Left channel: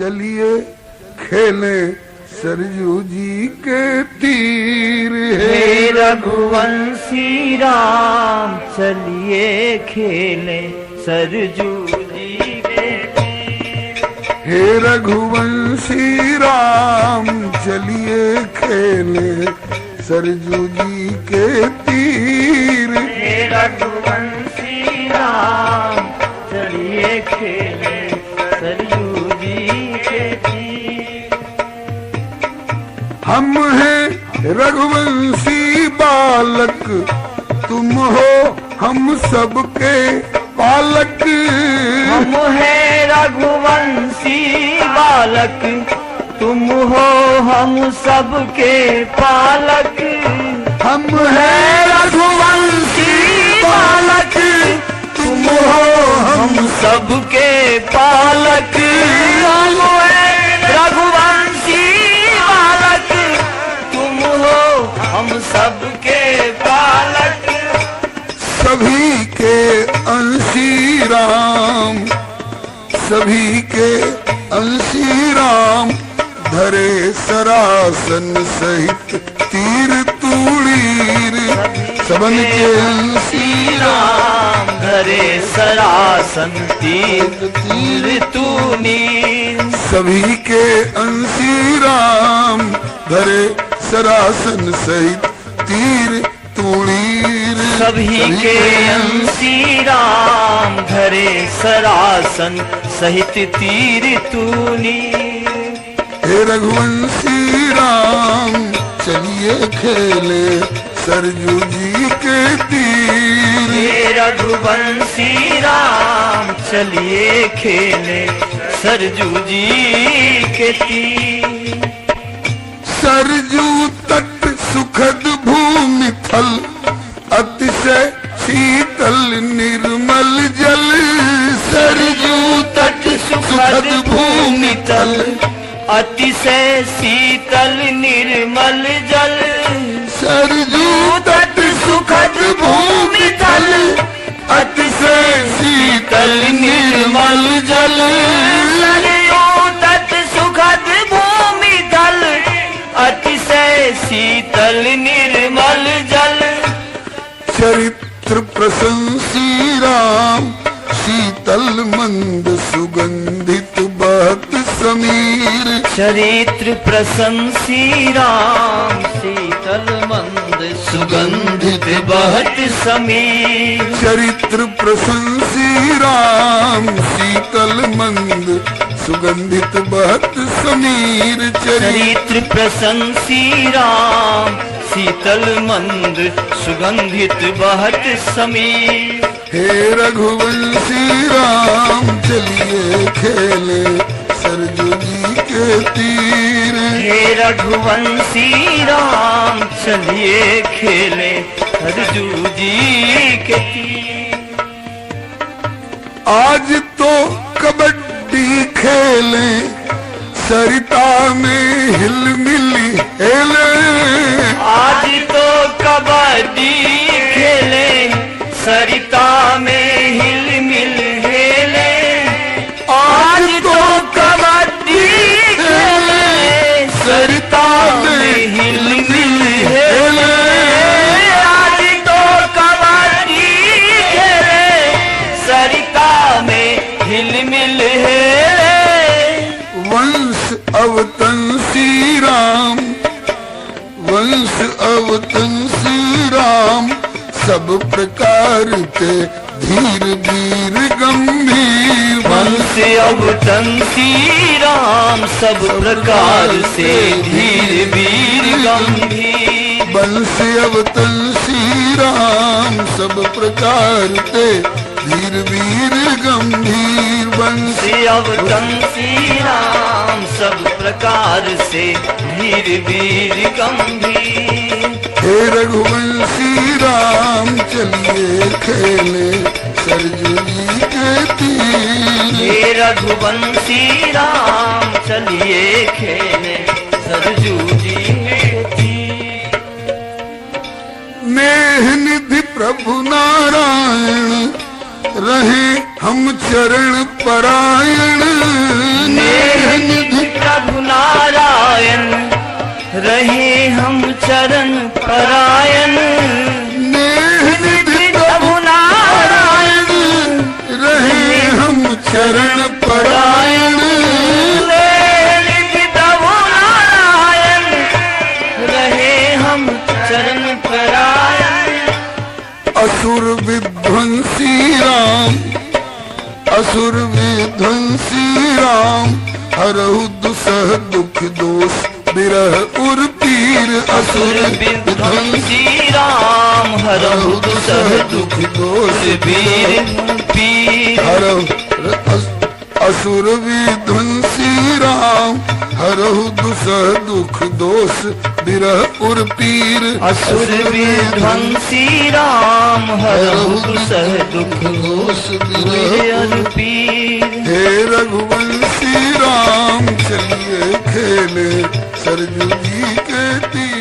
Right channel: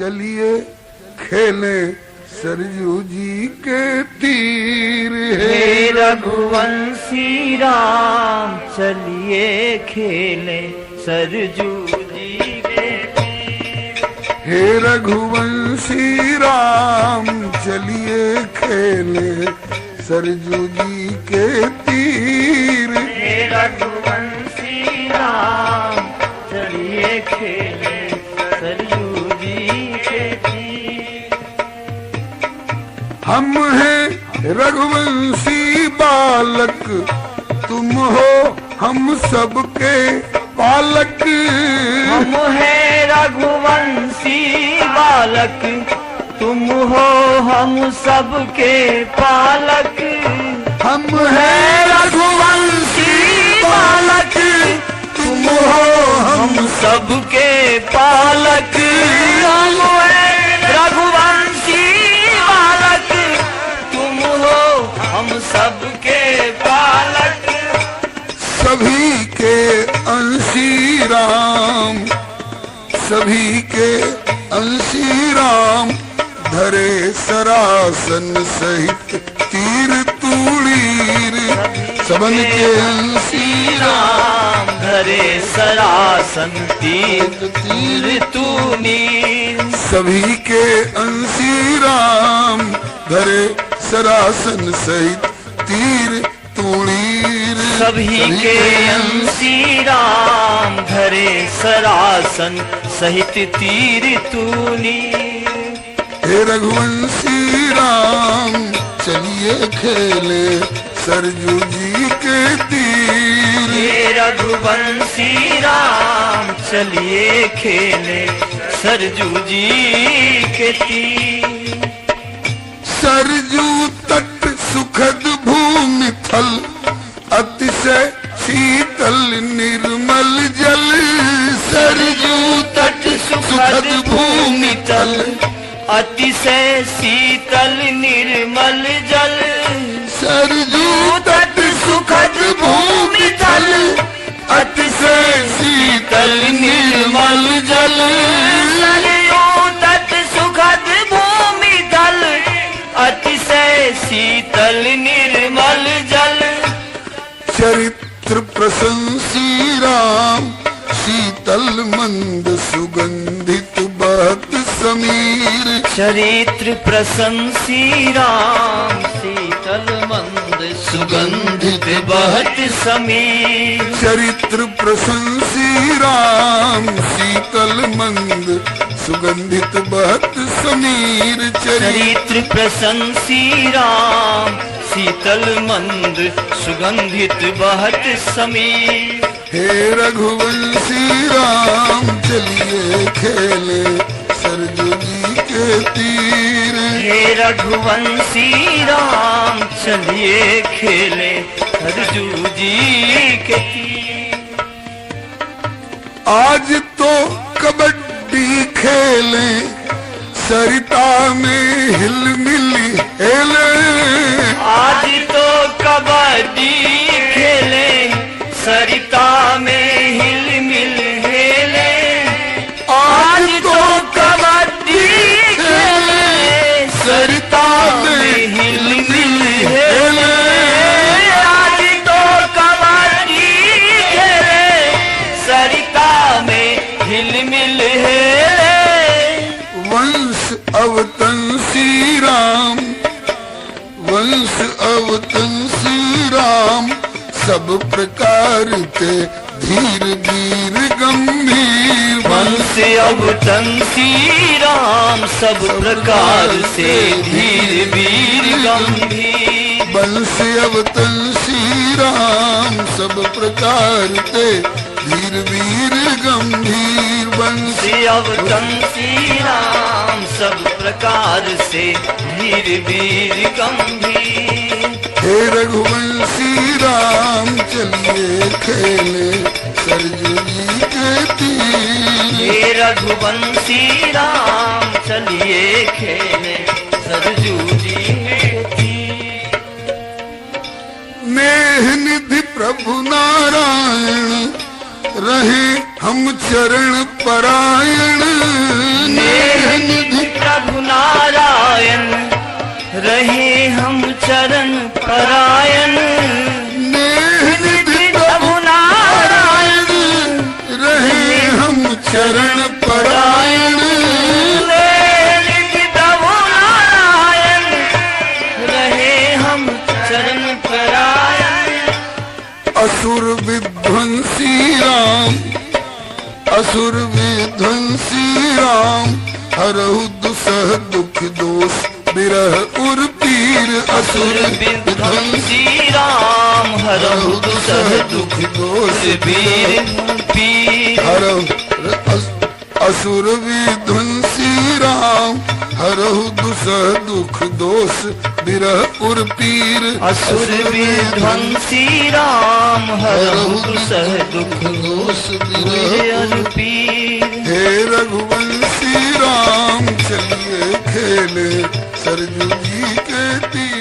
चलिए खेले सरजू जी के तीर। हे रघुवंशी राम चलिए खेले सरजू जी के तीर। हे रघुवंशी राम चलिए खेले सरजू जी के तीर। हे रघुवंशी राम चलिए खेले सरजू जी के तीर। हम हैं रघुवंशी बालक, तुम हो हम सबके पालक। हम हैं रघुवंशी बालक, तुम हो हम सबके पालक। हम हैं रघुवंशी बालक, तुम हो हम सबके पालक। हम हैं रघुवंशी बालक, तुम हो हम सबके पालक। सभी के अंशी राम, सभी के अंशी राम भरे सरासन सहित तीर तूणीर। सबन के अंशी राम धरे सरासन तीर तूणीर। सभी के अंशी राम धरे सरासन सहित तीर तूणीर। सभी के अंशी राम धरे सरासन सहित तीर तूणीर। हे रघुवंशी राम चलिए खेले सरजू जी के तीर। हे रघुवंशी राम चलिए खेले सरजू जी के तीर। सरजू तट सुखद भूमि थल, अतिशय शीतल निर्मल जल। सरजू तट सुखद भूमि थल, अतिशय शीतल निर्मल जल। सरजू तट सुखद भूमि थल, अतिशय शीतल निर्मल जल। सरजू तट सुखद भूमि जल, अतिशय शीतल निर्मल जल। चरित्र प्रशंसी राम शीतल मंद सुगंधित बहत समीर। चरित्र प्रशंसी राम शीतल मंद सुगंधित बहत समीर। चरित्र प्रशंसी राम शीतल मंद सुगंधित बहत समीर। चरित्र प्रशंसी राम शीतल मंद सुगंधित बहत समीर। हे रघुवंशी राम चलिए खेले सरजू जी के तीर। हे रघुवंशी राम चलिए खेले सरजू जी के तीर। आज तो कबड्डी खेले सरिता में हिलमिल हेले। आज तो कबड्डी खेले सरिता में हिलमिल हेले। आज तो कबड्डी खेले सरिता में हिलमिल हेले। आज तो कबड्डी खेले सरिता में हिलमिल हेले। वंश अवतंसी राम, वंश अवतंसी राम सब प्रकार के धीर वीर गंभीर। वंश अवतंसी राम सब प्रकार से धीर वीर गंभीर। वंश अवतंसी राम सब प्रकार के धीर वीर गंभीर। वंश अवतंसी राम सब प्रकार से धीर वीर गंभीर। हे रघुवंशी राम चलिए खेले सरजू जी के तीर। हे रघुवंशी राम चलिए खेले सरजू जी के तीर। नेह निधि प्रभु नारायण रहे हम चरण परायण। नेह नारायण प्रभु नारायण रहे हम चरण परायण असुर विध्वंसी राम असुर विध्वंसी राम हरहु दुसह दुख दोष बिरह उर पीर असुर विध्वंसी राम हरहु दुसह दुख दोष पीर पीर हरहु असुर विध्वंसी राम हरहु दुसह दुख दोष बिरह उर पीर असुर विध्वंसी राम हरहु दुसह दुख दोष बिरह बिरह पीर हे रघुवंशी राम चलिए खेले सरजू जी के तीर